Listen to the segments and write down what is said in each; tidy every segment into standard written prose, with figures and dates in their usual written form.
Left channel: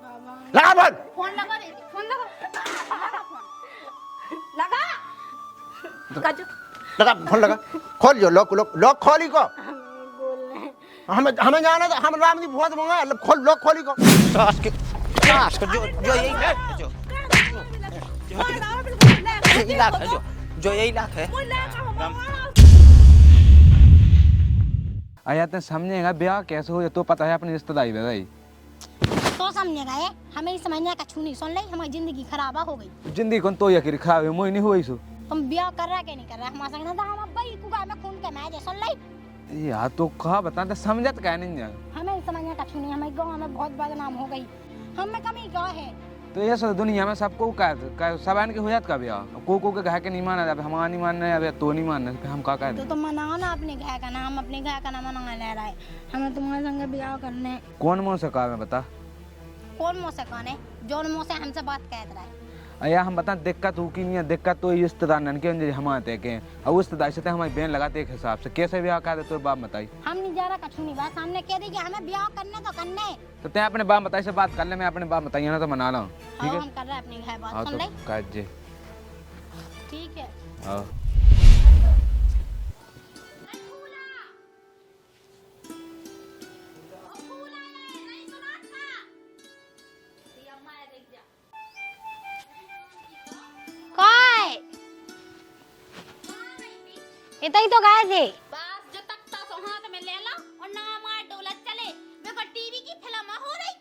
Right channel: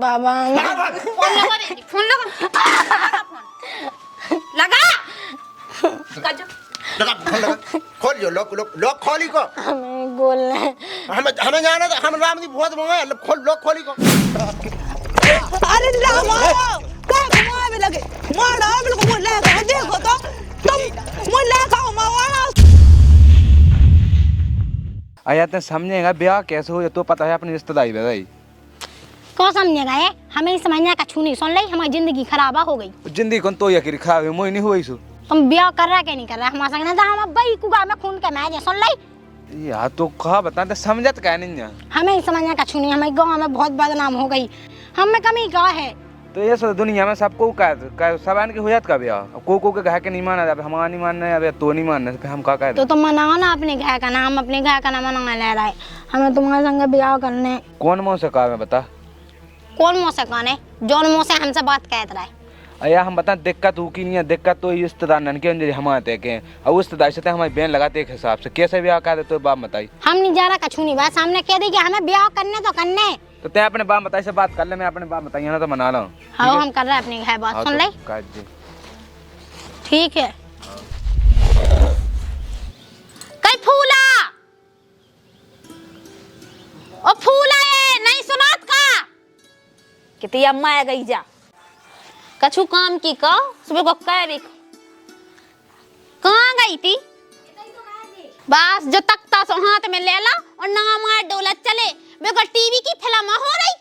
बाबा लगा phone. Phone लगा दे, phone लगा लगा लगा फोन लगा। खोल जो लॉक खोली को। हमें बोलना है। हमें जाना था, हम राम जी बहुत मंगा खोल लॉक खोली को। अरे लावा का मार में लगे मार बिल्कुल ले देखो तो मुल्ला का मारा। आया तो समझेगा ब्याह कैसे हो तो पता है अपनी रिश्तेदारी बताई। तो समझेगा ये हमें समझना का छू नहीं सुन ले हमारी जिंदगी खराब हो गई। जिंदगी कौन तो यकीर खराब है मोई नहीं हुई सु। तुम ब्याह कर रहा क्या नहीं कर रहा हमारे संग ना था हम अब कुगा में खून के मैच सुन ले। यार तो कहा बता समझत क्या नहीं जान। हमें समझना का छू नहीं हमारे गाँव में बहुत बदनाम हो गई हमें कमी का है। तो ये सब दुनिया में सबको का सब आन के हो जात का ब्याह को के कहा के नहीं माना अब हमारा नहीं मानना है अब तो नहीं मानना है हम का तो तुम मनाओ ना अपने घर का नाम अपने घर का नाम मना ले रहा है हमें तुम्हारे संग ब्याह करने। कौन मुँह से कहा मैं बता कौन मुँह से कौन है जौन मुँह से हमसे बात कहता रहा है। अया हम बता दिक्कत हो की नहीं है दिक्कत तो रिश्तेदार नन के अंजलि हम आते के और उस रिश्तेदार से हमारी बहन लगाते एक हिसाब से कैसे ब्याह कर दे तो बाप बताई। हम नहीं जा रहा कछू नहीं बात सामने कह दे कि हमें ब्याह करने तो करने। तो ते अपने बाप बताई से बात कर ले मैं अपने बाप बताइए ना तो मना ला हूँ। हाँ हम कर रहे हैं अपनी घर बात सुन ले जी ठीक है। हाँ कई फूला ओ फूला है नहीं सुनात का कितनी अम्मा आ गई जा कछु काम की का सुबह को कहाँ गई थी इतना ही तो गए थे बस जो तख्ता सो हाथ में ले ला और ना मार डोलत चले मेरे टीवी की फिल्म हो रही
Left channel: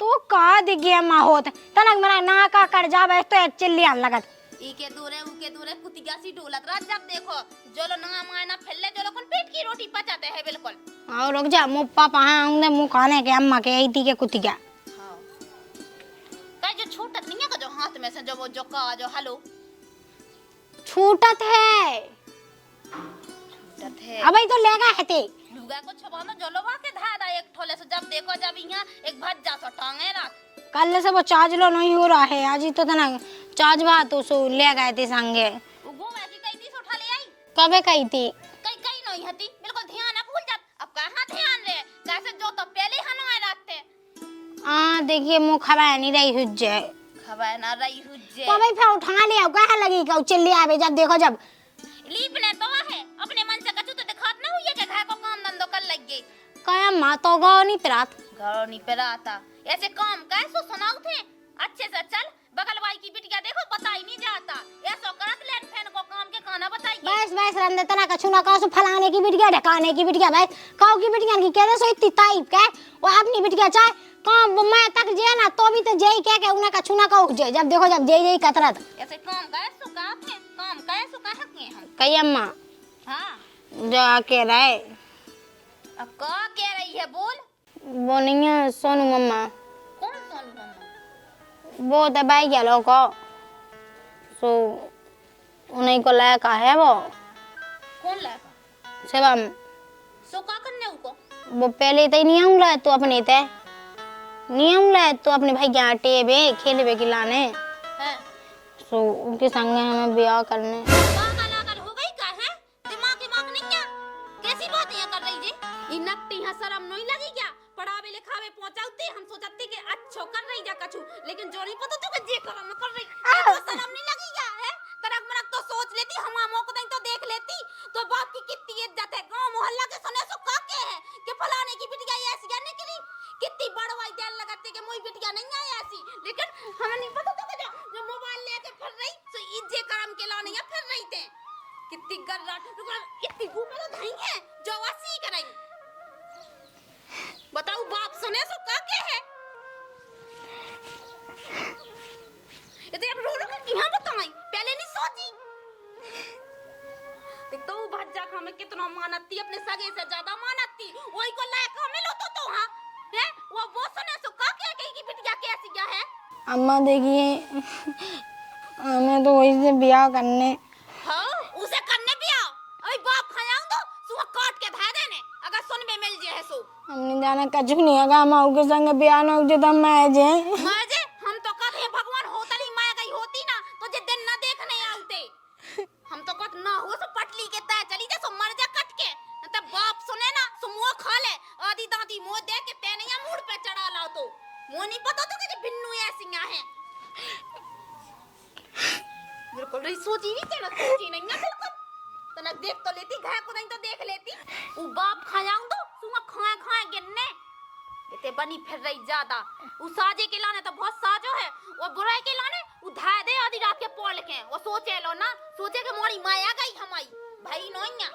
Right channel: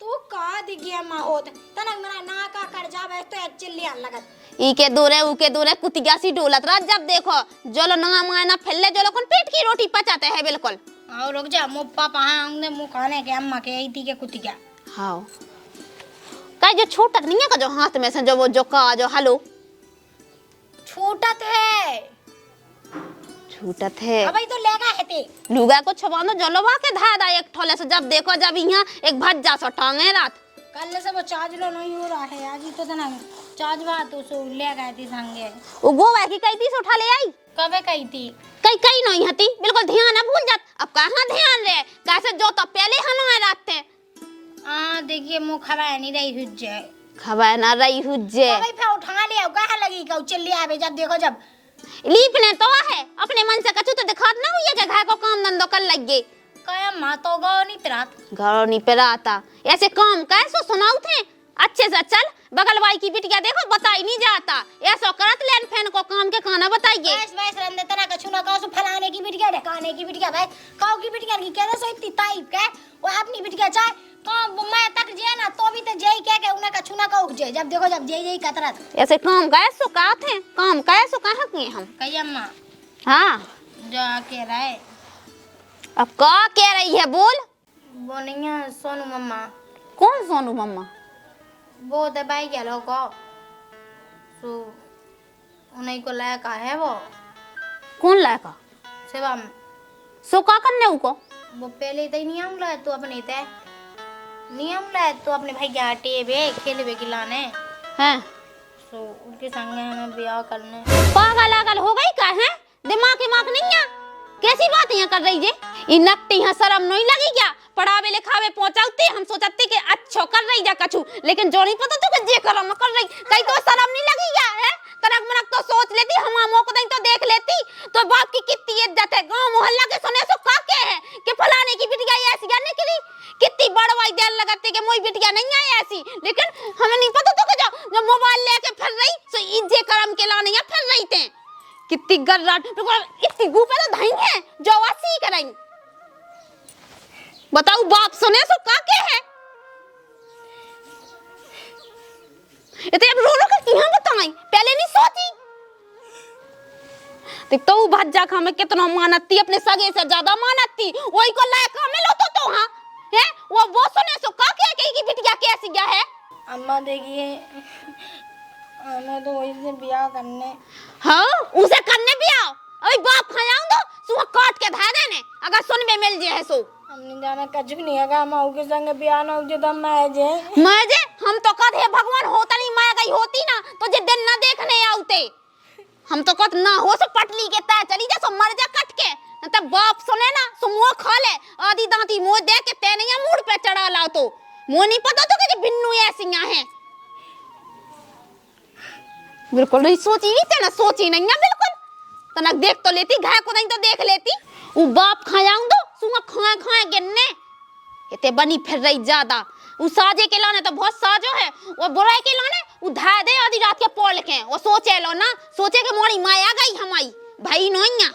तो का दिखे माँ होत तनक मेरा ना का कर जा बैठ तो एक चिल्ली आन लगत इके दूरे कुतिया सी डोलत रहा जब देखो जो लो ना मारना फैले जो लोग पेट की रोटी पचाते हैं बिल्कुल। और रुक जा मुँह पापा आए मुँह खाने के अम्मा के आई थी के कुतिया हाँ कहीं जो छूटत नहीं है का जो हाथ में से जो वो जो का जो हेलो छूटत है छूटत है अब तो लेगा है ते लुगा को छुपानो जलवा के धा दा एक ठोले से जब देखो जब यहाँ एक भज्जा सो टांगे रात कल से वो चार्ज लो नहीं हो रहा है आज ही तो था ना चार्ज बात तो सो ले गए थे संगे वो गोवा की कई पीस उठा ले आई कबे कही थी कई नहीं हती बिल्कुल ध्यान ना भूल जात अब कहाँ ध्यान रहे कैसे जो तो पहले हलवाए रात थे देखिए मुँह खबा नहीं रही हुज्जे खबर ना रही हुज्जे तो भाई फिर उठा ले कहा लगी का चिल्ली आवे जब देखो जब लीपने तो है अपने मन से कछु तो दिखात ना हुई है घर को काम धंधो कर लग गए कहे माँ तो गाँव नहीं पिरात घर नहीं पिराता ऐसे काम कैसे सुनाऊ थे अच्छे से चल बगल भाई की बिटिया देखो बताई नहीं जाता ऐसा करत लेन फैन को काम के खाना बताइए बस बस रंदे तना कछु ना कहो फलाने की बिटिया ढकाने की बिटिया बस काऊ की बिटिया की कह दे सो इतनी तारीफ के वो अपनी बिटिया चाहे काम मैं तक जे ना तो भी तो जेई कह के उन्हें कछु ना कहू जे जब देखो जब जेई कतरत ऐसे काम कैसे का थे काम कैसे कहा किए हम कही अम्मा हाँ जा के रहे अब का कह रही है बोल वो नहीं है सोनू मम्मा कौन सोनू मम्मा वो तो भाई गया लोग सो उन्हीं को लायका है वो कौन लायका सेवा में सो का करने उको वो पहले तो नहीं आऊंगा तो अपने ते नहीं आऊंगा तो अपने भाई के आटे बे खेले बे खिलाने हैं सो उनके संग हमें ब्याह करने पागल आगल हो गई का है दिमाग नहीं है कैसी बात यहाँ कर रही जे इ नट्टी यहाँ शर्म नहीं लगी क्या पढ़ावे लिखावे पहुंचाते हम सोचते कि अच्छो कर रही जा कछु लेकिन जो नहीं पता तो कि जे करम कर रही कहीं तो शर्म नहीं लगी क्या है तनक मनक तो सोच लेती हम आमों को तो देख लेती तो बाप की कितनी इज्जत है गांव मोहल्ला के सुने सो का के है कि फलाने की बिटिया ऐसी या निकली कितनी बड़वाई देर लगाते कि मोई बिटिया नहीं आई ऐसी लेकिन हमें नहीं पता तो कि जो मोबाइल लेके फिर रही सो इज्जे करम के लाने या फिर रही थे कितनी गर्राट इतनी गुपे तो धाई है जो वासी करेंगे बताओ बाप सुने सो का के है इतने अब रो रो कर क्यों बताई पहले नहीं सोची देख तो भज्जा खा में कितना मानती अपने सगे से ज्यादा मानती वही को लायक हमें लो तो हां है वो सुने सो का के की बिटिया कैसी क्या है अम्मा देखिए हमें तो वही से ब्याह करने हाँ उसे करने भी आओ अभी बाप खायाऊं दो सुहा काट के धा देने अगर सुन में मिल जे है सो हमने जाना कछु नहीं अगा माऊ के संग ब्याह ना हो जो तब मैं जे हम तो कद है भगवान होता नहीं मैं गई होती ना तो जे दिन ना देखने आउते हम तो कद ना हो सो पटली के तय चली जा सो मर जा कट के तब बाप सुने ना सो मुंह खा ले आधी दांती मुंह दे के ते नहीं मूड पे चढ़ा लाओ तो मुझे नहीं पता तो कि बिन्नू ऐसी हैं। बिल्कुल नहीं सोची भी थे ना, सोची नहीं है बिल्कुल। तनक देख तो लेती, घाय को नहीं तो देख लेती। वो बाप खायाऊं दो सुंगा खाए खाए गिनने इतने बनी फिर रही ज्यादा। वो साजे के लाने तो बहुत साजो है, वो बुराई के लाने वो धाय दे आधी रात के पोल के। वो सोचे लो ना, सोचे के मोड़ी माया गई हमारी भाई नोइया।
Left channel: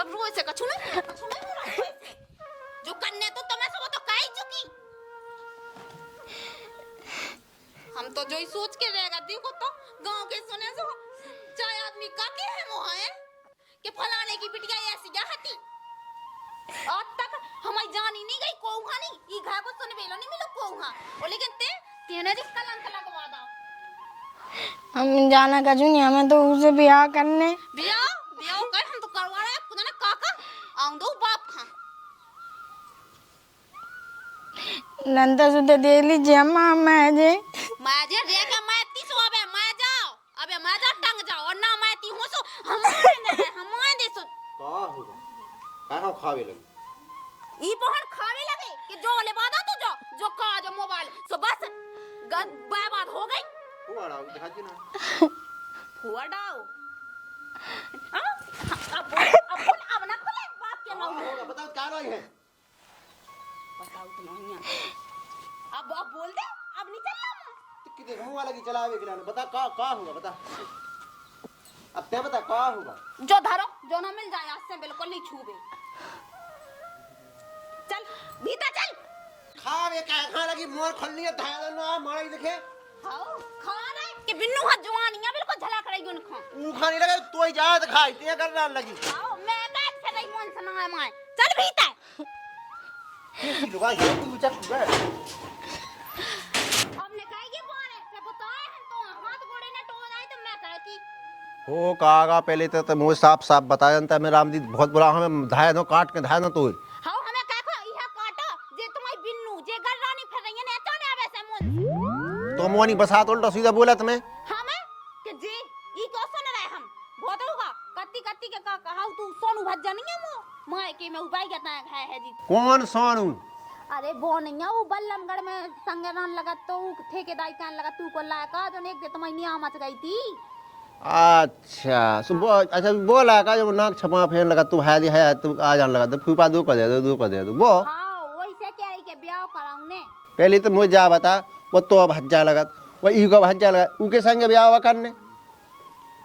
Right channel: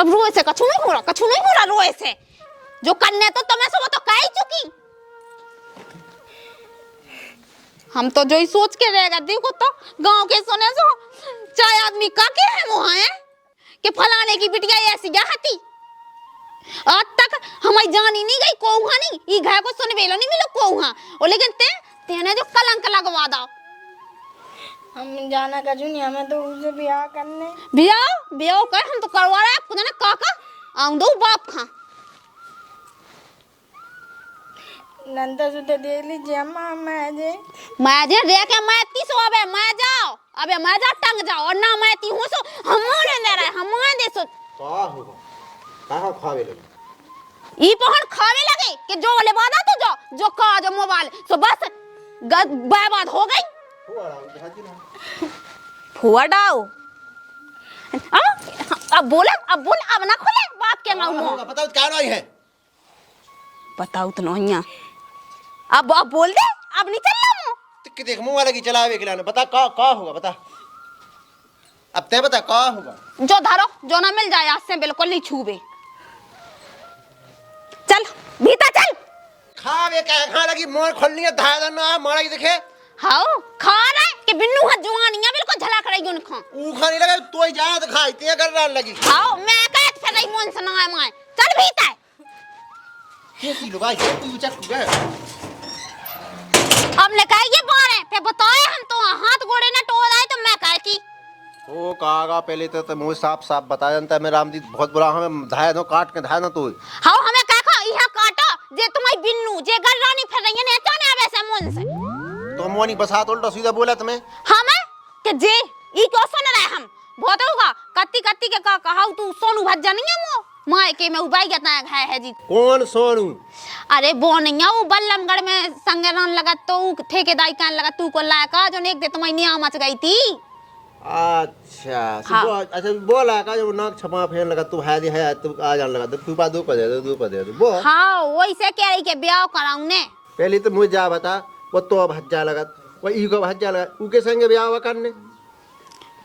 अब रोए से कछु नहीं हो रहा रोए से। जो करने तो तुम्हें से वो तो कह ही चुकी। हम तो जो ही सोच के रहेगा, देखो तो गांव के सुने सो चाहे आदमी का के है वो है कि फलाने की बिटिया ऐसी क्या हती। आज तक हमारी जान ही नहीं गई कोहा नहीं, ई घर को सुन वेलो नहीं मिलो कोहा। और लेकिन तेने जो कलंक लगवा दो। हम जाना कजू नहीं, हमें तो उसे ब्याह करने। ब्याह कर हम तो करवा रहे खुदा ने काका आऊं दो बाप खा। नंदा से तो दे लीजिए मैं जे रे के मैं 30 अबे मैं जाओ, अबे मैं जा टंग जाओ। और ना मैं ती हूं सो हमारे ने रहे हमारे दे सो का होगा कहां खावे लगे ई पहन खावे लगे कि जो ले बादा तो जो का जो मोबाइल सो बस बर्बाद हो गई। फुआ डाओ अब बोल अब ना खोले बाप के माऊ बताओ क्या नहीं है। बताओ तो नोइया अब बोल दे, अब नहीं चलना मु टिक देख मुंह वाला की चलावे के लाने बता का होगा बता। अब ते बता का होगा। जो धारो जो ना मिल जाए आज से बिल्कुल नहीं छूबे। चल भीतर चल। खावे क्या खा लगी मोर खोलनी है धाय ना मारा ही देखे। हाओ खा रहा है कि बिन्नू हाथ जुआनियां बिल्कुल झला करेगी उनको। ऊ खाने लगा तो ही जा तो खाई ते कर रहा लगी। हाओ मैं कहत फिर नहीं मन सुनाए मैं। चल भीतर कैसी लुगाई है तू चक गए। अब ने कहा ये बारे फिर बताए हम तो हाथ गोड़े ना टोल आए तो मैं कहती हो कागा पहले तो मुझे साफ बता जानता मैं राम जी बहुत बुरा हमें धाय नो काट के धाय ना तू। हाओ हमें कहा यह काटा जे तुम्हारी बिन्नू जे घर रानी फिर रही है ने चाने आवे से मन से तो मोनी बसा तो सीधा बोला तुम्हें हमें कि जे ई क्यों सुन रहे हम बहुत होगा कत्ती के का कहा तू सोनू भज्जा नहीं है वो माय के में उबाई गता है जी। कौन सोनू। अरे वो नहीं है वो बल्लमगढ़ में संगरान लगा तो ठेकेदारी कहने लगा तू को लायका जो एक दे तुम्हारी निया मच गई थी। अच्छा अच्छा बोला का जो नाक छपा फेर लगा तू है तू आ जान लगा तो फूफा दो कर दे वो। हाँ वही से कह रही के ब्याह कराऊं ने। पहले तो मुझे जा बता वो तो भज्जा लगा वो ई को भज्जा लगा उनके संग ब्याह करने।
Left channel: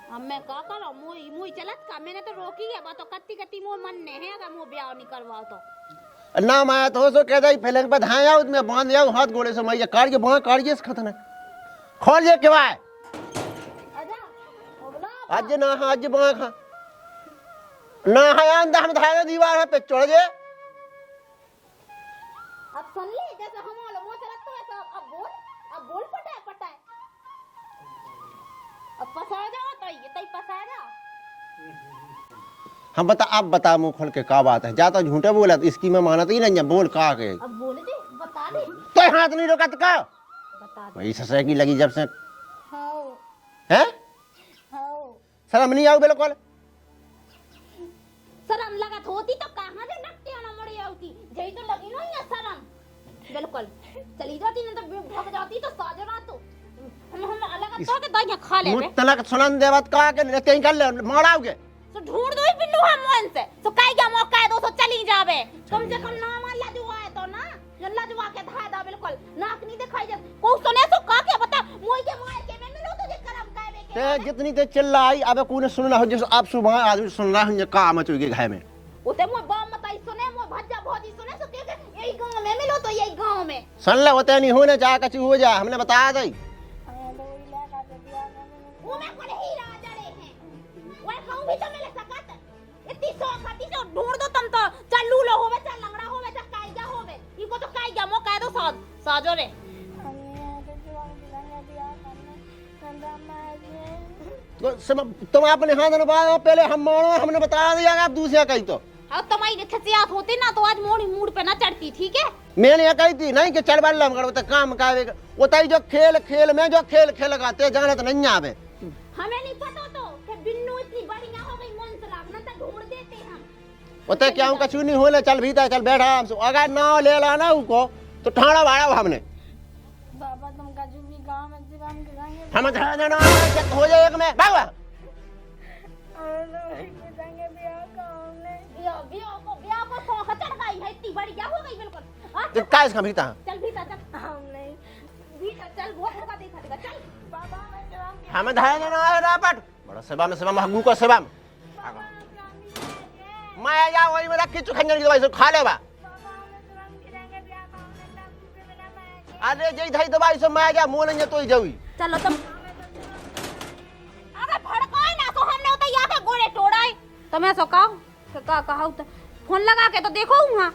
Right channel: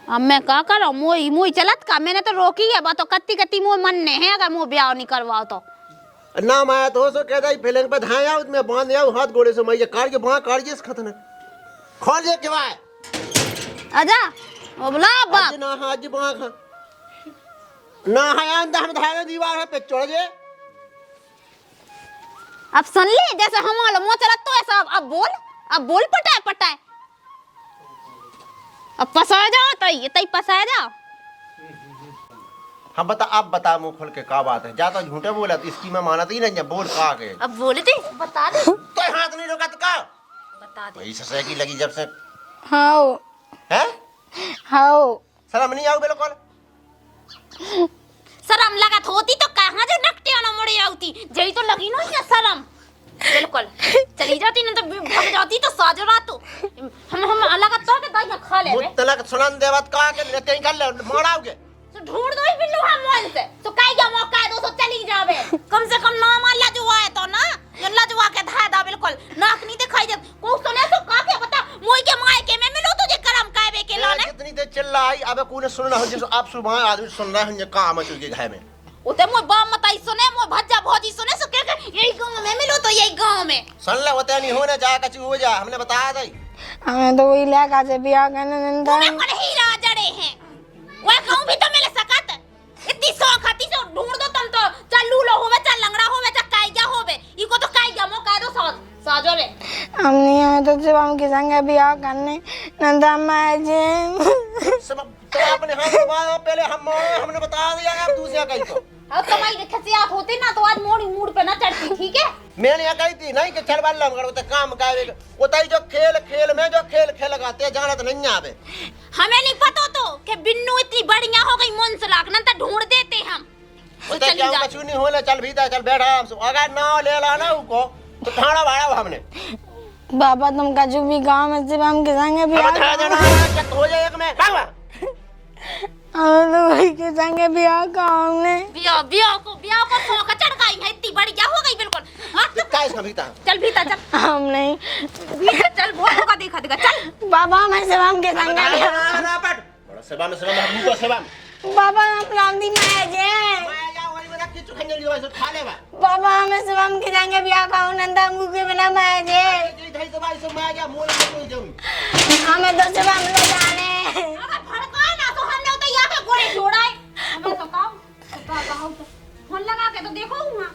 अब मैं क्या करूं मोई चलत का मैंने तो रोकी है बात तो कत्ती मोह मन ने है अगर मोह ब्याह नहीं करवाओ तो ना मैं तो सो कह दई फैलन पे धाया उसमें बांध लिया हाथ गोड़े से मैं ये काट के बांध काट के खतने खोल जे के भाई आजा ओ बुला बा आज ना हाथ बांध ना है अंदर हम धाया दीवार पे चढ़ जे। अब सुन ले जैसे हमारा मोह चलत तो ऐसा अब बोल पटाए अब पसाया जाओ तई पसाया जाओ। हम अब बता मुंह खोल के का बात है जाता झूठे बोला तो इसकी मैं मानत ही नहीं बोल का के अब बोले दे बता दे तो हाथ नहीं रोका तो का बता दे वही ससे की लगी जब से हाओ हैं शर्म नहीं आओ बिल्कुल। शर्म लगत होती तो कहां जो नकटे ना मुड़ी आती जई तो लगी नहीं है शर्म बिल्कुल चली जाती ना तो भाग जाती तो साजो रातो हम अलग तो के दहिया खा ले तलक सुनन देवत का के ते कर ले माराओगे तो ढूंढ दो बिन्नू हम मन से तो काई जा मौका दो तो चली जावे कम से कम नाम लजवा है तो ना लजवा के धा दा बिल्कुल नाक नहीं दिखाई दे को सुने तो का के बता मोई के माय के मैं मिलो तुझे करम कावे के लाने कितनी ते चिल्लाई अब कोने सुनना हो जैसे आप सुबह आदमी सुन रहा है का मच के घर में उते मोय बाप मताई सुने मोय भज्जा भौजी सुने सो के यही गांव में मिलो तो यही गांव में सुन ले होता नहीं होने चाहे कछु हो जा हमने बताया दई हमें तो वही लगा से ब्याह करने नंदा तूने पर हीरा जड़े हैं वो कहूं भी तो मिल सकत इतनी शौक आती से ढूंढ दो तुम तो चल लूलो होवे चल लंगड़ा होवे चल काईया होवे इको तो काईया मो कह दो साजो रे हम नहीं आए तो सिर्फ हम के संग ब्याह करने नंदा मैं जे सब तो अपने हाथ में बात पहले हमने बताया नहीं यार दूसरा कहीं तो अब तुम्हारी खसियात होती ना तो आज मोड़ी मूड पे ना चढ़ती ठीक है मैंने ये कही थी नहीं कि चल बल्ला मगर वो तो काम करे वो ताई जो खेल में जो खेल लगाते जाना तो नहीं आवे हमें नहीं पता तो कि बिन्नू इतनी बढ़िया हो गई मन से लाख ना तो ढूंढ देते हम तो उते चली क्या जा। कछु नहीं होले चल भीतर चल बैठा आराम से अगर नाव ले ला ना उको तो थाना भाड़ा हमने बाबा तुम कछु भी गाँव में से हम के संगे भी हमें धरा देना जब हो जाए एक में भाग हम तो वही के संगे भी गाँव में बिया को फोका चढ़ गई है, इतनी बड़ी क्या हो गई बिल्कुल। हाँ, तो का इसका भीतर चल भीतर चल, हम नहीं भीतर चल, वो का देखा देगा चल। बाबा मैं से हम के हमें संगे धरा देना ना पट बड़ा सेवा में हम को सेवा बाबा अपना दी मैं जे मैं या वही मेरा किचु खंजर की दवाई से खा लेबा बाबा हमें से हम के संगे भी गाँव नंदा मुंह के बिना मैं जे अरे जई धई दवाई से मैं जा मूल में कोई जावी हमें तो सेवा में ले जाने अरे भड़का ना तो हमने उते यहाँ पे गोरे छोड़ाए। तुम्हें तो कहो तो फोन लगा के तो देखो वहाँ।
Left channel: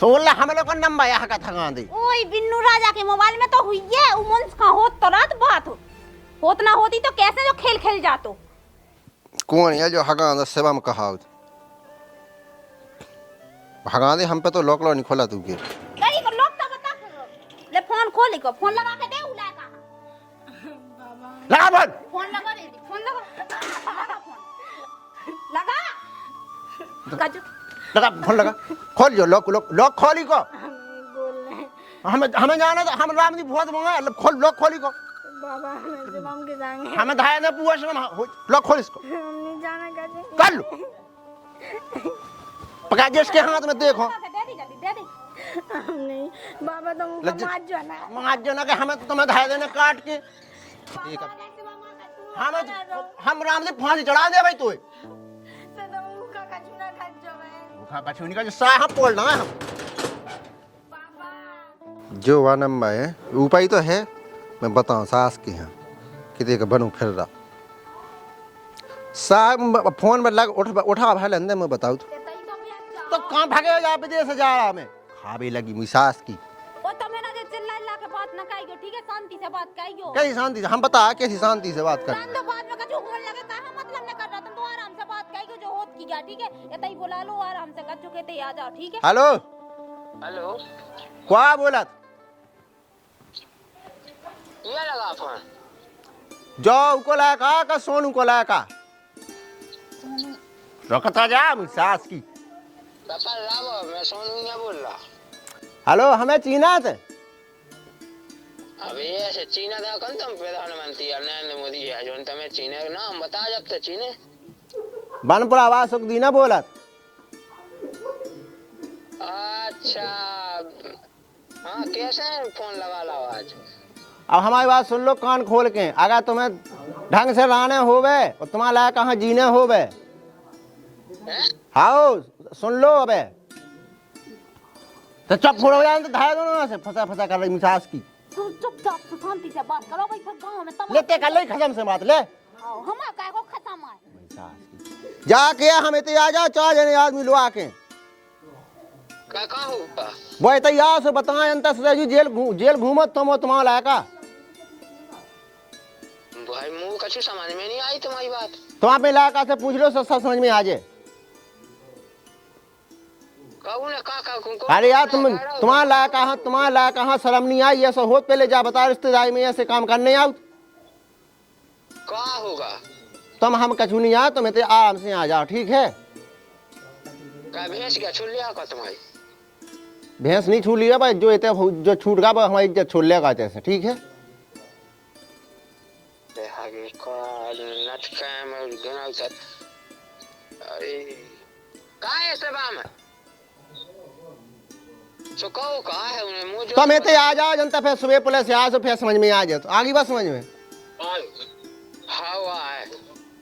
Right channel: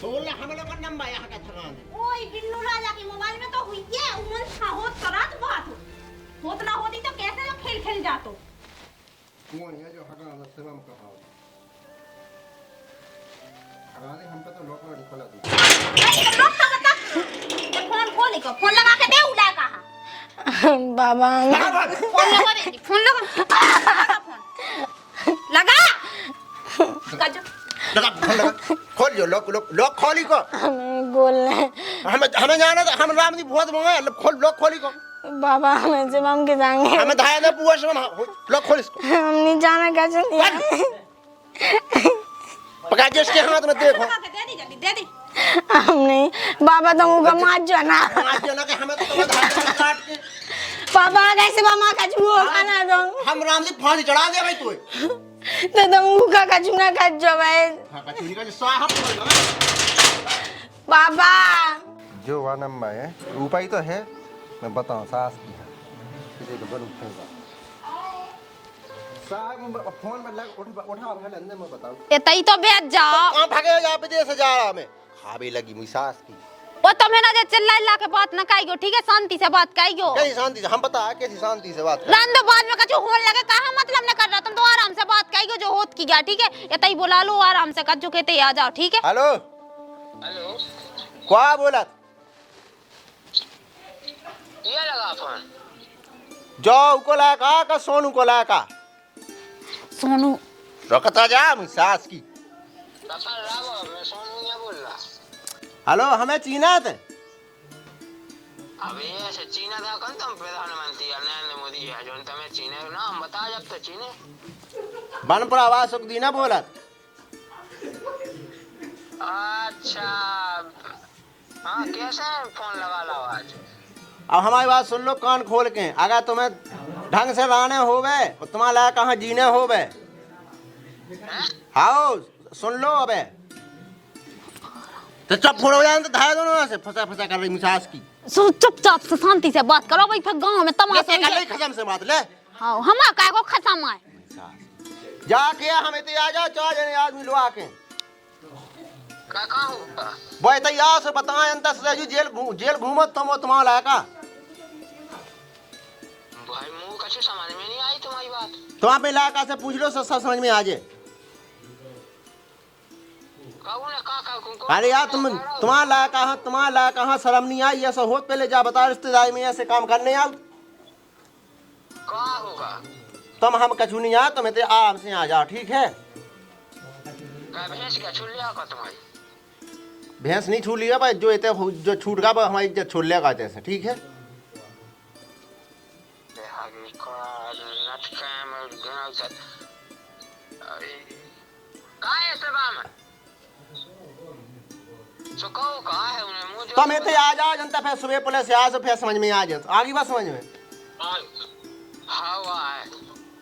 तो बोला हम लोग का नंबर यहाँ का थगा दी ओए बिन्नू राजा के मोबाइल में तो हुई है उमन का होत तो रात बात होत ना होती तो कैसे जो खेल खेल जातो। कौन है जो हगा सेवा में कहा भगा दे हम पे तो लॉक नहीं खोला तू नहीं तो लोग का बता ते फोन खोल को फोन लगा के दे उला कहां बाबा फोन लगा दे फोन लगा लगा फोन लगा खोल जो लॉक खोली को हमें बोलने हमें जाना था हम राम जी बहुत मंगे खोल लॉक खोली को बाबा हमें से हम के संगे हमें धाया दे पूरा से लॉक खोल इसको हम नहीं जाना कैसे नहीं पका के इसके हाथ में देखो दे दी जल्दी दे दी। हम नहीं बाबा तुम का मार जो ना आज जो ना कि हमें तो तुम्हें धाया में काट के पापा कैसे मामा का छुओ खाना दो हम राम जी फानी चढ़ा दे भाई तू तो तुम का छुना का जो भाई हां का चुनी का जो साहब बोल ना पापा जो वानम है उपाय तो है मैं बताऊं सास के यहाँ कितने का बनू फिर रहा साहब फोन में लग उठा भाई अंदर मैं बताऊं ए तई तो भेज जाओ कहां भागे जा विदेश से जा रहा मैं खाबे लगी मुझ सास की वो तो मैंने जे चिल्ला के बात न काइगो ठीक है शांति से बात काइगो कैसी शांति से हम बता कैसी शांति से बात कर रंद बाद में कछु होने लगे कहा मतलब न कर रहा तुम तो आराम से बात काइगो जो होत की गया ठीक है ये तई बुला लो आराम से कछु कहते आ जाओ ठीक है। हेलो हेलो क्या बोला ये लगा फोन जो को लाका का सोनू को लाका सोनू रखता जा मुझ सास की कपल राव मैं सोनू ने बोल रहा हेलो हमें चीना थे अबे ऐसे चीना था कौन तुम प्रधानमंत्री नरेंद्र मोदी है जो तुम्हें चीने का नाम बता जब तक चीने बनपुर आवाज सुख दी ना बोला अच्छा हाँ कैसे फोन लगा लो आज अब हमारी बात सुन लो कान खोल के अगर तुम्हें ढंग से रहने होवे और तुम्हारा लायक कहाँ जीने होवे हाँ सुन लो अबे तो चुप हो जाए तो धाय दोनों से फंसा फंसा कर रही मिसास की सो चुपचाप से शांति से बात करो भाई फिर गांव में ले तमाशा कर ले खत्म से बात ले हां हमा काय को खत्म है जाके हमें तो आ जा 4 जने आदमी लो आके का होगा वो तैयार से बताए अंतर से जेल घूमत तुम तुम्हारा लायका भाई मुंह कछु समझ में नहीं आई तुम्हारी बात तुम अपने लायका से पूछ लो सब समझ में आ जाए अरे यार तुम्हारा लायक कहाँ शर्म नहीं आई ऐसा हो पहले जा बता रिश्तेदारी में ऐसे काम करने आओ का होगा तुम हम कछु नहीं आ तुम्हें तो आराम से आ जाओ ठीक है का भैंस क्या छुल लिया का तुम्हारी भैंस नहीं छू लिया भाई जो इतने जो छूट गया हमारी इज्जत छूट लेगा जैसे ठीक है आगे का नट कैम अरे का है सभा में का है उन्हें मुंह जो तुम्हें तो आ जाओ जनता फिर सुबह पुलिस से आ तो फिर समझ में आ जाए तो आगे बस समझ में हवा है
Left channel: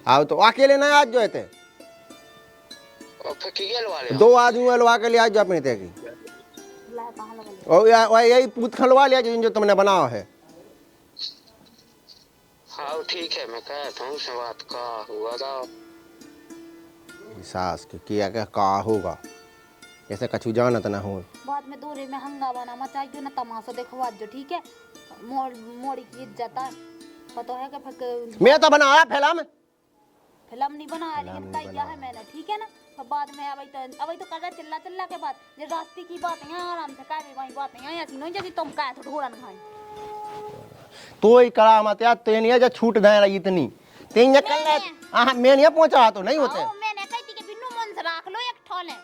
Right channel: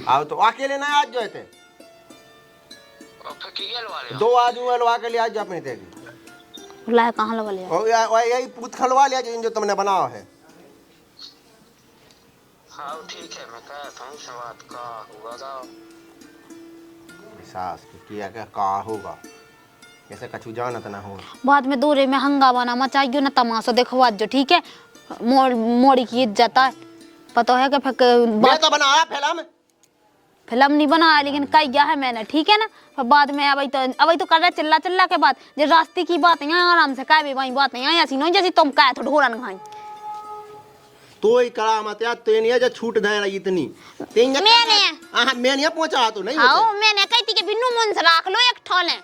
आओ तो अकेले ना आज जो थे और फिर किगेल वाले 2 आदमी लवा के लिए आज जो अपने थे बुलाया कहां लगा लिया और यही पूत खलवा लिया जो तुमने बनाया है हाँ ठीक है मैं कहता हूँ से बात का हुआ था सास की किया क्या का होगा ऐसे कछु जानत ना हो बाद में दूरे में हंगामा ना मचाइयो ना तमाशा देखवा जो ठीक है मोड़ी की इज्जत है पता है कि मैं तो बनाया फिल्म नहीं बनाया लेकिन कई गया है मैंने ठीक है ना फिर बाद में अभी तो कर रहे चिल्ला के बाद जो रास्ते की बात है आराम से कह भी वही बात नहीं ऐसी नहीं जैसी तुम कहे तो ढोरन खाई तो ही करा मत यार तेनिया जो छूट दे रही इतनी मैंने मैं नहीं पहुंचा तो नहीं आओ मैंने कही थी कि बिन्नू मुन से रख लो एक ठोले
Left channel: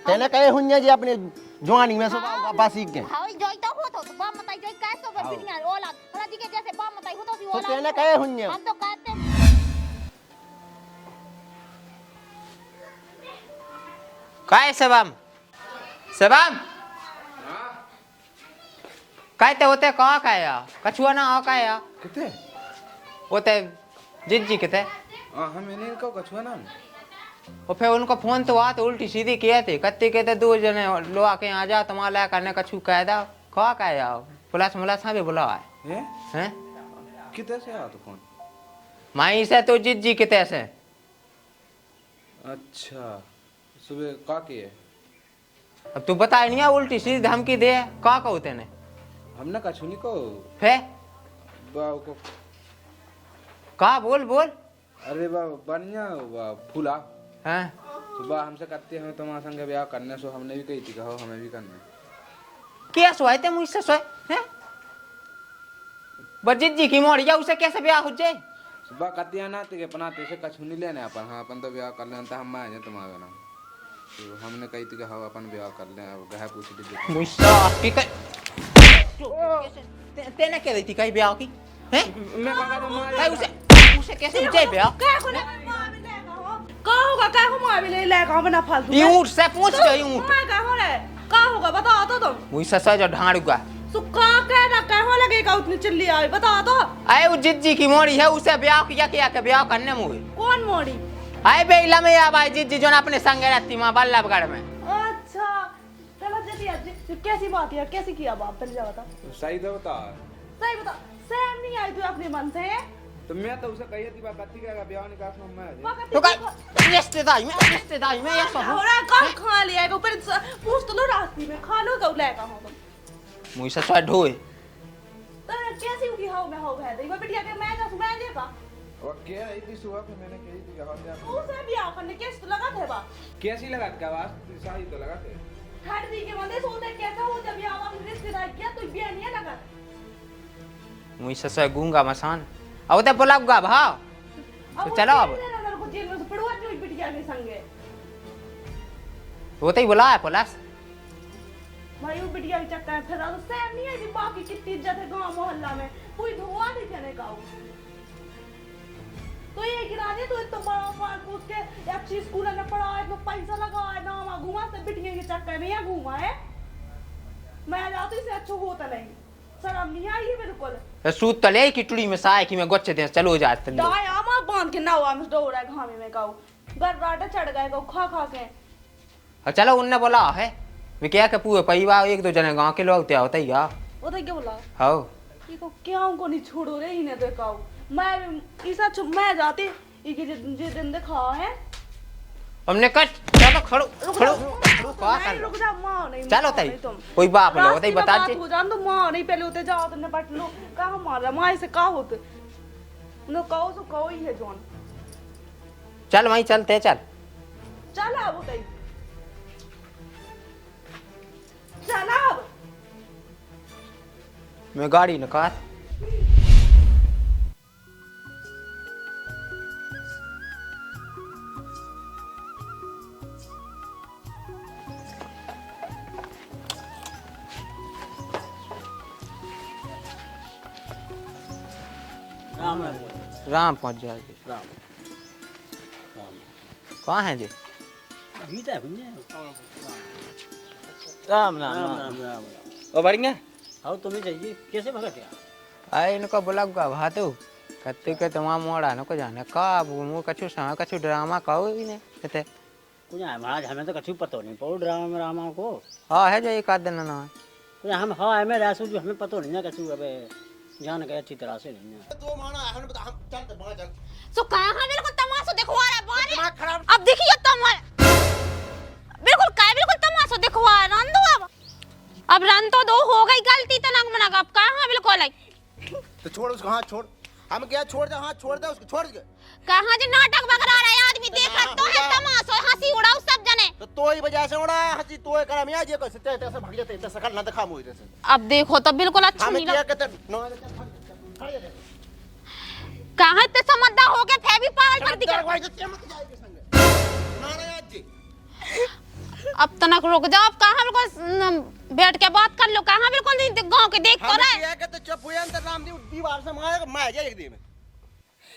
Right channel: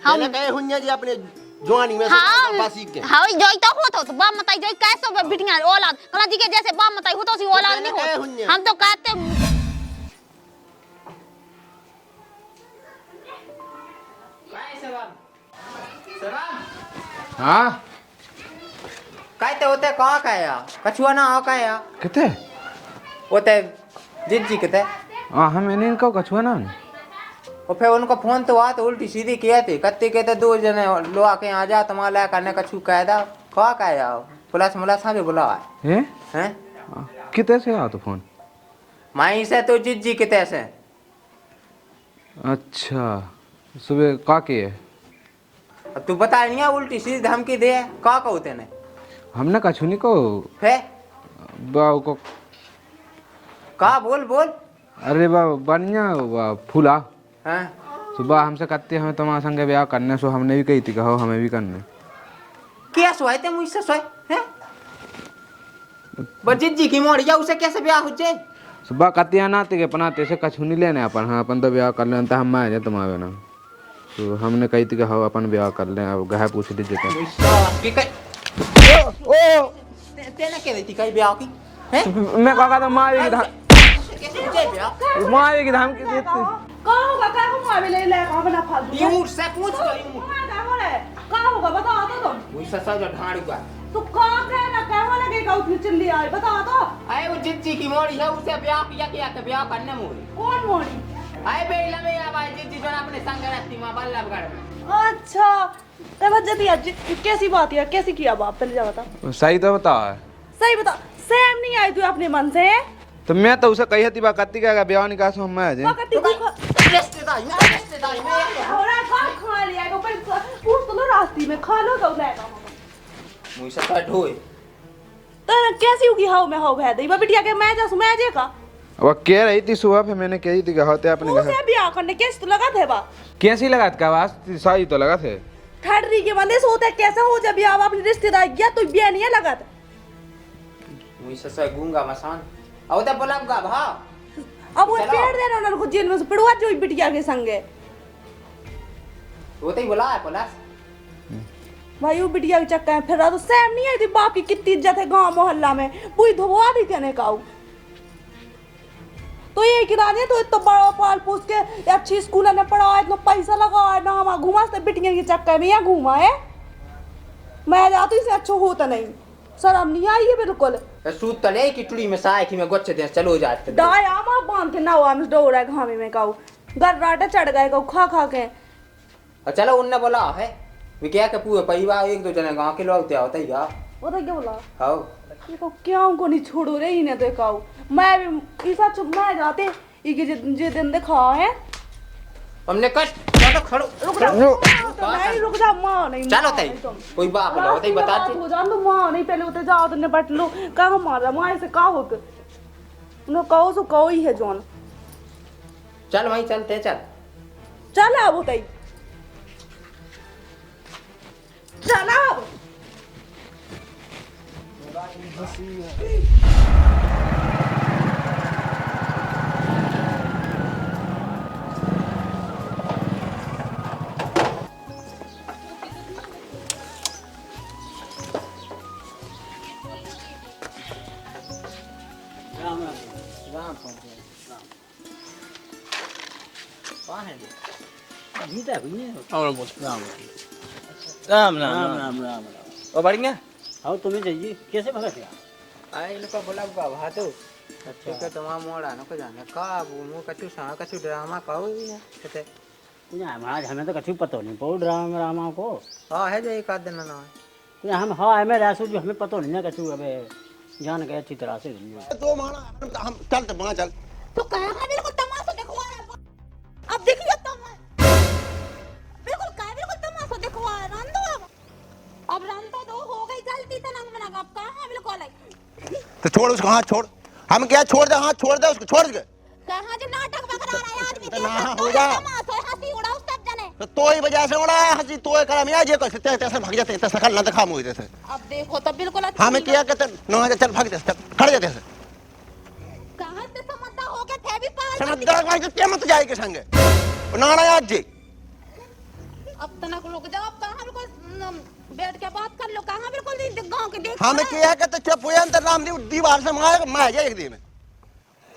पहले कहे हुन्या जी अपने जवानी में हाँ बासी के हाँ जोई तो होतो तो बाप मताई जोई कैसे बिटिया औलाद कला जी के जैसे बाप मताई होतो सी औलाद नहीं हो हम तो कहते काय सबम सबम हाँ काय ते होते का काय या कछुआ ना आ काय या कितने होते जिज्जी किते हमें नहीं इनको कछुआ ना और फिर उनको फोन तो आ तो उल्टी सीधी किए थे कत्ते कहते दो जने लो आके आ जा तुम्हारा करने कछु कह दा का काय या पुलिस मुलास भी बुलावा हैं हैं कितने से आ तो फोन माई से तो जिज्जी किते से अच्छा सुबह का किए अब तू बता नहीं उल्टी सीधी धमकी दे का कहते ने हमने कछु नहीं को है बाऊ को का बोल बोल अरे बा बढ़िया बा फूला हैं सुबह हमसे कहते हमें तुम्हारे संग ब्याह करने सो हमने भी कही थी कहो हमें भी करने क्या सोए थे मुझसे सोए हैं बजिज्जी की मोड़िया उसे कैसे ब्याह हो जाए सुबह कहते ना ते अपनाते से कछु नहीं लेने अपन हाँ अपन तो ब्याह कर लें तो हम आ जाए तुम्हारे ना तो हमने कही थी कहो अपन ब्याह कर लें अब गह पूछ लीजिए तेने क्या देती कहीं ब्याह की हैं मैं कहा था मारेगी कैसे हो जाए ब्याह मारेगी धमकी देती का होगा का हुआ अभी ले ले का बना फालतू ये ऊँट से पूछ जाए ऊँट मैं क्या हो रहा है का होगा बताओ तो तुम वैसा सा जो ढांडू का तो का कहना कहवा लगेगा उतनी चिल्ली आई बताओ तो आए वो जिज्जी की मोड़ी है उसे ब्याह किया किया के ब्याह करने मुझे कौन मोड़ी आए बेला में या भाई जिज्जी जो ना अपने संग रहती माँ बल्लभगढ़ में अच्छा ते वजह आज कैसी बात है कैसी किया बाप पहले जा बता सही तो बता सही बता सेम नहीं आई तू अपने मन से तो मैं तो उसे कही थी कत्ती का ब्याह निकाल सो मैं आज रिश्तेदारी में ये तो और का खा लिया को पर पूछ तो लो रास्ते में खा लो तो लेगा मुझसे तो ढोए तो कैसी होगी हाउ में हाउ भै दई बिटिया के मैं जा मैं जे का अब कह रही थी सुबह फिर मैंने कही थी होते अपने घर उसे ब्याह करने कैसे तो लगा थे बा कैसी लगा का आवाज सही तो लगा थे ठहरी के बंदे सोते कैसे हो जब ब्याह अपनी रिश्तेदार गया तो ब्याह नहीं लगा था मुझसे से गूंगा मसान अब तो बुलाऊंगा भाव अब वो चलो। छेड़ देना उनको जेल में से पड़वा जो बिटिया के संगे वो तो ही बुलाया पुलिस भाई वो बिटिया के चक्कर में फिर रहा तो सेम नहीं आई थी बाप की कितनी इज्जत है गांव मोहल्ला में पूरी धोआ दी कहने का तो ये किराने तो इतना बड़ा पाल पूछ के अच्छी स्कूल में पढ़ा इतना पैसा लगा है ना वहाँ घुमा से बिटिया के चक्कर में यहाँ घुमा है मैं जाती इसे अच्छा होता नहीं शर्म नहीं आई है बिल्कुल सूत तले की टुड़ी में साए की मैं गोच्चे दे चलो जाते दाई आमा बांध के नाव हम डोर है घामे में काऊ गर्राटा चढ़ गए काऊ खा खा के और चलो उनने बोला है मैं क्या के पूरे परिवार एक दो जने गांव के लोग थे होता ही आप वो तो क्या बोला हां ये को क्या उनको नहीं छोड़ो रे इन्हें तो काऊ मैं ईसा चुप मैं जाते ये जे दिन दिखा है हमने कष्ट खड़ो रुक जा मां नहीं चलो मां कहीं नहीं तुम कोई बाप बोला होता ही बता बात हो जान तो मां नहीं पहले उते जाओ तो निपट लो का मारा मां से का हो उन्हें कहो सो कहो ही है जोन चल वहीं चलते चल चल अब उते चल अब मैं गाड़ी निकाल राम पहुंच जाए कहाँ है जी राम राम राम राम ओ बढ़िया आओ तुम्हें चाहिए कैसे भगत यार अरे इनको बोला का भातू कत्ते के तमाम मोड़ा नको जाने का मु कछु ड्रामा कहो भी ने कते आज हमें तो कछु पता नहीं पड़ो ड्रामा रामा को हां है जो एक आध दिन ना हम हाँ हमें रासू भी हमें पता नहीं ना कछु अब जान के अच्छी तरह से नहीं तो माना हम चल तो वहां चल तो कहां बिल्कुल तमाशा दिखवा रहा है बारे अब देखिए बिल्कुल तमाशा दिखवा रंदो अब रन तो दो हो गई गलती तो ना मना अब कहां बिल्कुल आई तो छोड़ उसको हाथ छोड़ हम क्या छोड़ दे हाथ छोड़ दे उसको छोड़ दे कहां जो नाटक बकरा रहा है आदमी देख कर तो ये तमाशा हंसी उड़ाओ सब जने तो ही वजह से उड़ा हंसी तो करा मैं जे कैसे तैसे भाग जाते तैसे खल ना दिखा मुझे जैसे अब देखो तो बिल्कुल अच्छा हमें क्या कहते ना चल भाग दे खड़े जाते से कहां ते समझदार हो गए थे भी पागल कर समझदार नहीं क्या मत जाए के संगे ना आज जी अब तनक रुक जाओ, अब कहाँ बिल्कुल बैठ के बात कर लो, कहाँ बिल्कुल गांव के देख हम किया के तो चुप हो जाए राम दीवार से मार जाए एक दिन में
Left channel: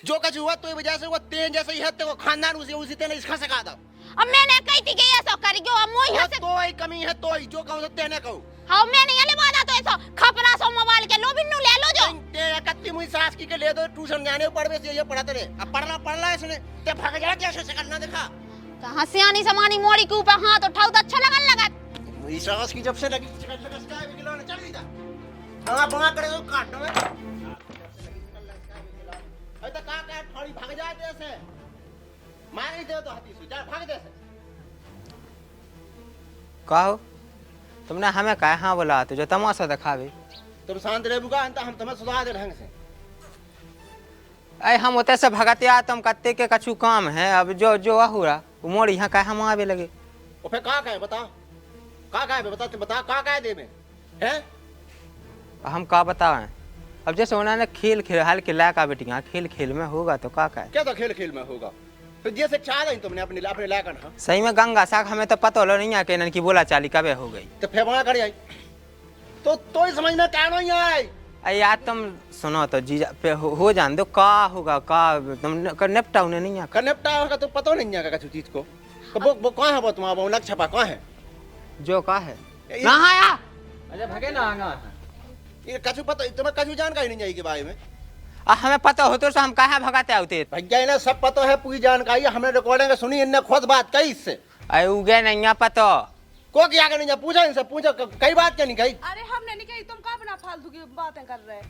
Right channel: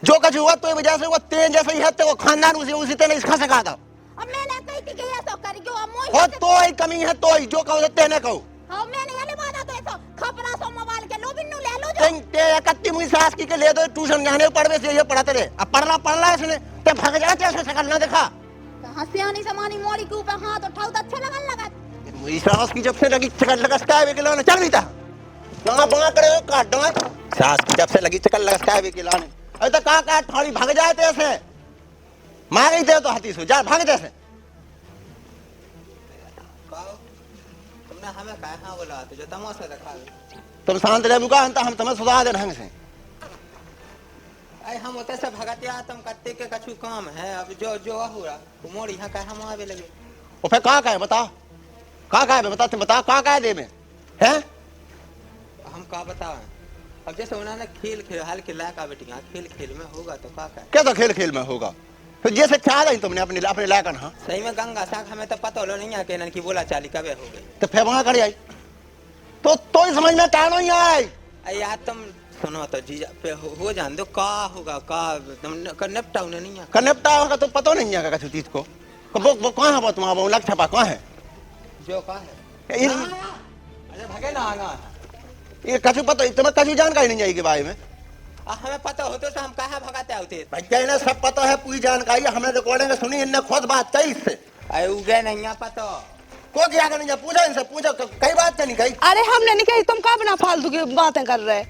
जो कुछ हुआ तो वजह से वो तेज जैसे ही है तो वो खानदान उसी तेने इसका सिखा था। अब मैंने कही थी कि ये सब करेगी, अब मोई और तो ही कमी है तो ही जो कहो तेने कहो। हाँ मैंने ये बात तो ऐसा खपना सो मोबाइल के लो बिन्नू ले लो जो ते कत्ती मुई सास की के ले दो ट्यूशन जाने पढ़वे से ये पढ़ाते रहे। अब पढ़ला इसने ते भाग जाए कैसे शकल ना देखा। कहाँ से आनी समानी मोड़ी के ऊपर हाथ उठाओ तो अच्छा लगन लगा। मुई सास की जब से लगी शकल लगस्ता है किलो ने चल भी था ना बांग करे काट दो। सास की जब से लगी शकल लगस्ता है किलो ने अरे तो का थोड़ी भाग जाए थे ऐसे मार ही दे तो हाथी से जा भाग जैसे। कहो तुमने हमें कहा हाँ बोला तो जो तमाशा दिखावे। तुम शांत रहे मुका हम तुम्हें सुधार दे ढंग से। अरे हम होते से भगते आ तुम कत्ते के कछु काम है। अब जो जो हो रहा वो मोड़ यहाँ कहा हम आवे लगे। और फिर कहाँ है बता कहाँ है बता तुम बता कहाँ दे में है। हम का बताएं अब जैसे उन्होंने खेल खेल हाल के लायका बेटियां खेल खेल में होगा तो का है। क्या तो खेल खेल में होगा फिर जैसे चाह रही तुमने अपने लायकन। हाँ सही में गंगा साग हमें तो पता लो नहीं है कि इनकी बोला चाली कबे हो गई तो फिर वहां कर आई तो ही समझ में टाणो ही आए। अरे यार तुम सुनो तो जीजा पे हो जान दो का होगा का तुम निपटा उन्हें नहीं है निपटा होगा तो पता नहीं है किसी चीज को। वो कौन है वो तुम्हारा लग छपा कौन है जो का है कहाँ आया। अरे भगे ना आगा ये कछु पता तुम्हें कछु जानकारी नहीं जाएगी बारे में। हमें पता हो तो हम कहा भगाते होते भैया ना सब पता है पूरी जानकारी हमने रिकॉर्डिंग सुनी इनने खुद बात कही इससे। अरे उगे नहीं पता को क्या करने जा पूछा इनसे पूछा कई बात क्या नहीं कही। अरे हमने नहीं कही तुम का बना फालतू की बातें कर रहे।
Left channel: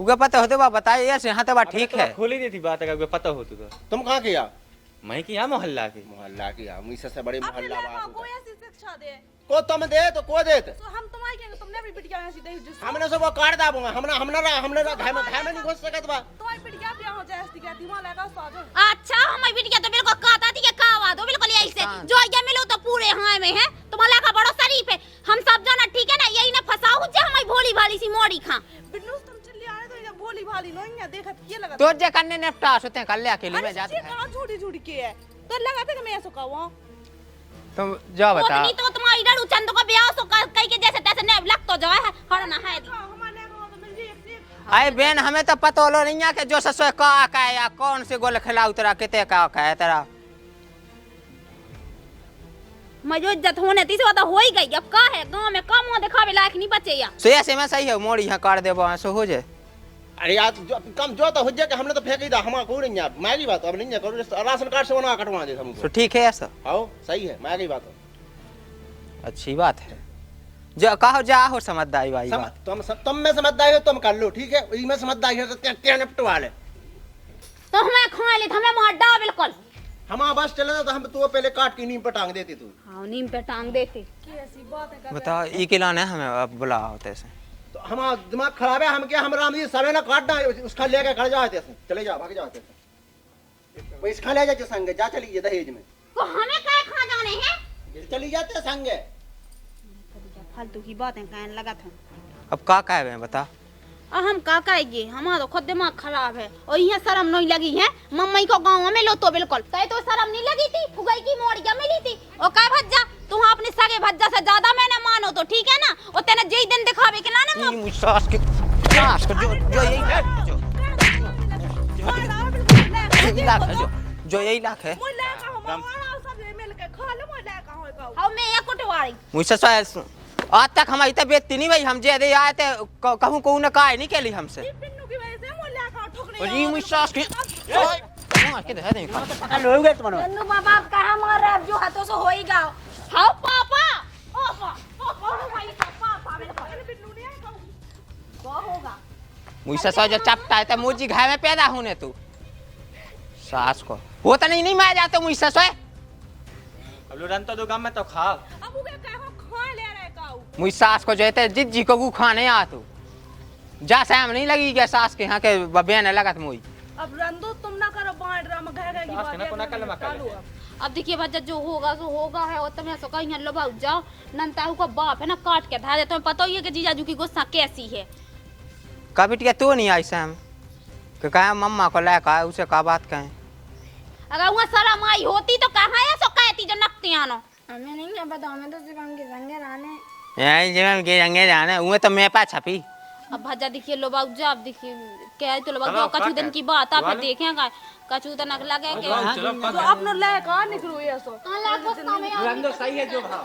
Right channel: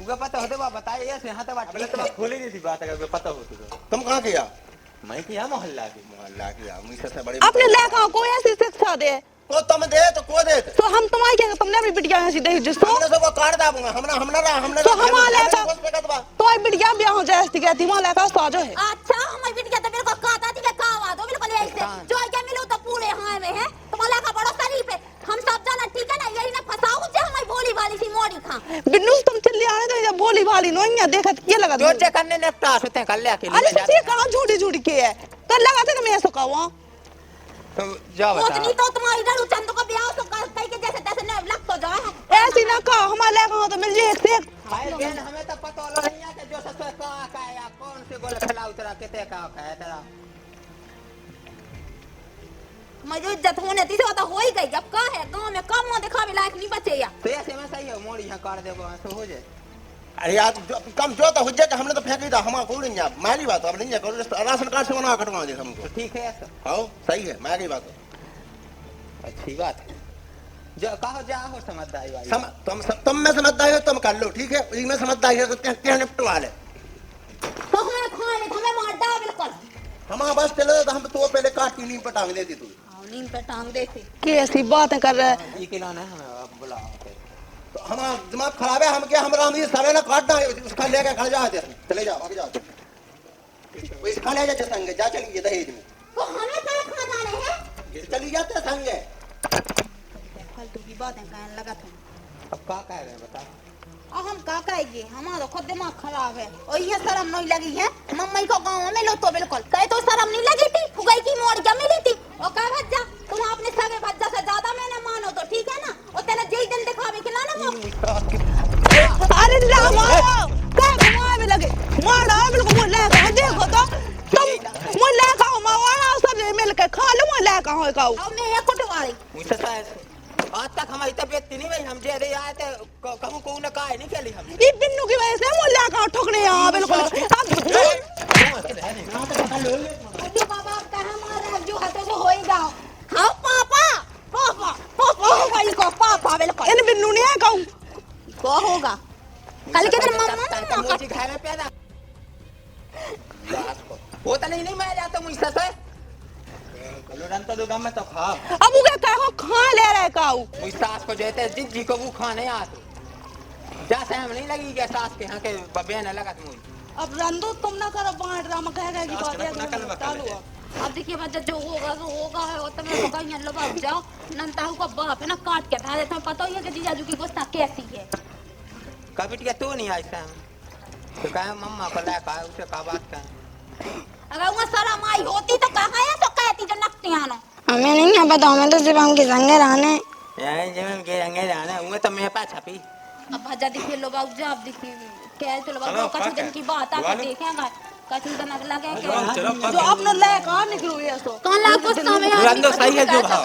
उगे पता हो तो बात बताइए ऐसे यहाँ तो बात ठीक है। खोली दी थी बात अगर पता हो तो तुम कहाँ किया। मैं किया मोहल्ला किया मुझसे से बड़े अपने लायका को ऐसी शिक्षा दे को तुम दे तो को दे तो हम तुम्हारी क्या तुमने अपनी बिटिया ऐसी दे जिसको हमने सब वो काट दाबूंगा हमने तो हमारा तो बिटिया ब्याह हो जाए ऐसी कहती वहां लायका साजो है। अच्छा हमारी बिटिया तो बिल्कुल कहता थी कि कावा दो बिल्कुल ऐसे जो ये मिलो तो पूरे हां में है तुम्हारा का बड़ा शरीफ है हम सब जाना ठीक है ना यही ना फसाओ जे हमारी भोली भाली सी मोड़ी खा बिन्नू तुम चली आने दो जब भोली भाली नो यहाँ देखत ये लगा जो जे करने निपटा सुते कर ले अकेले अरे सच्ची कहां झूठी झूठी की है तो लगाते तुम ऐसा कहो तुम जाओ बता उतनी तो तुम्हारी डरू चंद को ब्याह सो कई के जैसे तैसे ने लग तो जाए ऐसी ना कहो हमारे लायका तो मिल जाए एक से अरे बहन हमें तो पता हो नहीं है कि जो ससुर का है या कौन से गोल खिलाऊ तेरा कितने का है तेरा मजो इज्जत होने थी से हो ही गई अब का है गांव में कम मुंह दिखावे लायक नहीं बचे या सो ऐसे में सही है मोड़ी यहाँ काट दे सो हो जाए। अरे यार कम जो तो हो जाए हमने तो फेंक ही था हमारा कोई नहीं मैली बात अब नहीं है राशन कार्ड से बना कटवा दे हमको तो ठीक है ऐसा आओ सही है मैली बात अच्छी बात है जो कहो जा हो समझदारी भाई तुम में समझदारी हो तुम कर लो ठीक है मैं समझदारी है तो क्या निपटवा ले तो हमें खा ले हमें मार डा बिल्कुल हमारा बस चले तो हम तो पहले काट की नीम पर टांग देती तू नीम पे टांग देती कैसी बातें कर रहे हैं। ये किला ने हमें अब बुला होते तो हमारा दिमाग खराब है हम क्या हमारा हम ये सारे ना काटना है उसका लेकर घर जा चले जाओ भाग जाओ वो इसका ले जा संग जा चलिए दहेज में तो हमें क्या खा जाने हैं चली जाते संग फालतू की बातें कहने लगा था। अब का है बता अब हम का कहेंगे हमारा खुद दिमाग खराब है और ये शर्म नहीं लगी है मम्मी को गांव में लो तो बिल्कुल कहे तो शर्म नहीं लगी थी फुगाई की मोड़ क्या मिली थी और कह भज्जा तुम अपने सगे भज्जा से ज्यादा मैंने मानो तो ठीक है ना और तेने जे दिन दिखावे के लाने अरे मार में लगे मारा बिल्कुल मुल्ला देखो तो जो यही ना है मुल्ला का मारा सब मिल के खा लो मुल्ला का हो का अब मैं ये कुटवारी मुझसे आज तक हमारी तबीयत नहीं भाई हम जे दे आए थे कहूं को ने कहा नहीं केली हमसे ये बिन्नू की वजह से मुल्ला का ठोकने यहां बिल्कुल बन्नू बाबा कहां मार रहे जो हाथों से हो ही गया हां पापा पापा पापा होगा इसको पापा बिल्कुल इन बिन्नू ने कहूं को होगा मुझसे तो जो चपता है तो मुझे घाव में पैदा होने तू सास को वो तो नहीं मैं जाता मुझसे सोए लुरंता दो गम में तो खा अब वो क्या कहो खा ले रहा है काऊ मुझ सास को जो है जिज्जी को वो खाने आ तू जा सहम नहीं लगी क्या सास के यहाँ के बहन लगा तुम अब रंदो तुम ना करो बांट राम कहेगा की बात है अब देखिए बच्चा जो होगा है और तुम्हें तो कहीं लो बाबू जाओ नंताऊ का बाप है ना काट के था तुम्हें पता ही है कि जीजाजू की गुस्सा कैसी है कभी टिका तो नहीं आई सहम तो कहा मम्मा को लेकर उसे का बात कहें अगर वो शर्म आई होती तो कहाँ है सो कहती जो नकती आनो हमें नहीं पता, हमें तो सिर्फ हमके संगे रहने। यही जब के रंगे जाना वो तो मैं पा छपी। अब भजा दिखे लो बाबू आप देखिए क्या तो लोग कछु दिन की बात आप देखेंगे कछु दिन अगला के तो आप लोग ले कहाँ निकलो ये तो कौन ला कुछ समय रंदो सही है जो भाव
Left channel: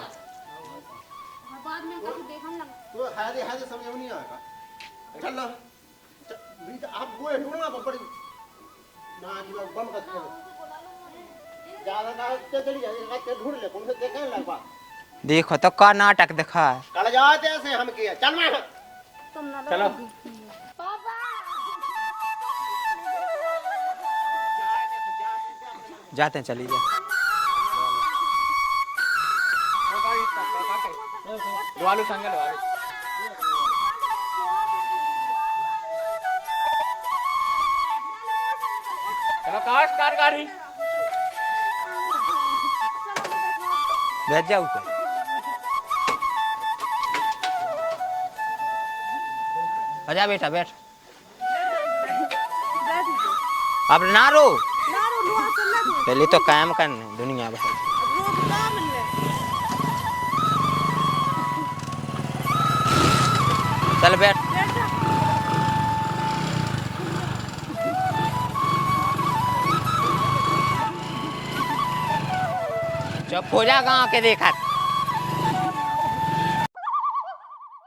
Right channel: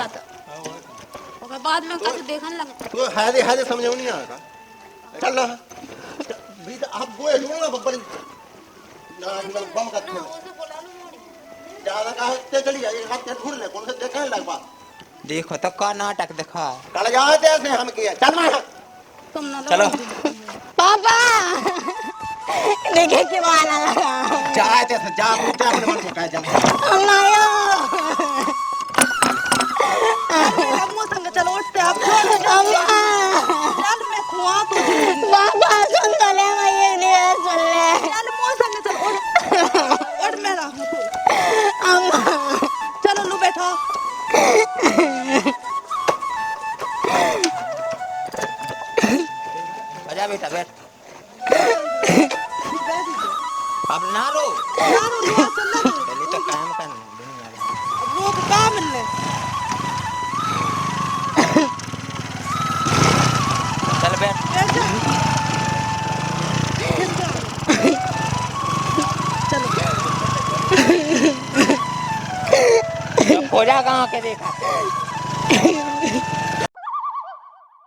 और बाद में कछु देखने लगे तो हादे समझो नहीं आ चलो भी आप वो है बब्बर ना बम का ज्यादा काहे ते चली जाए हाथ के ढूंढ ले कौन से देखने लग पा देखो तो का नाटक दिखा है। कल जाते ऐसे हम किया चल मैं चलो पापा देखे के वाला जाते थे जा अपने मन को जा अम्मायो चलो उठते आप पापा सुन तो ले ये नहीं सुन ले चलो लो बैठो आजा बेटा बैठ। अब ना रो पहले तो काम करना दुनिया भर रोक काम मिलने चल बैठ। खोजा गाँव के देखा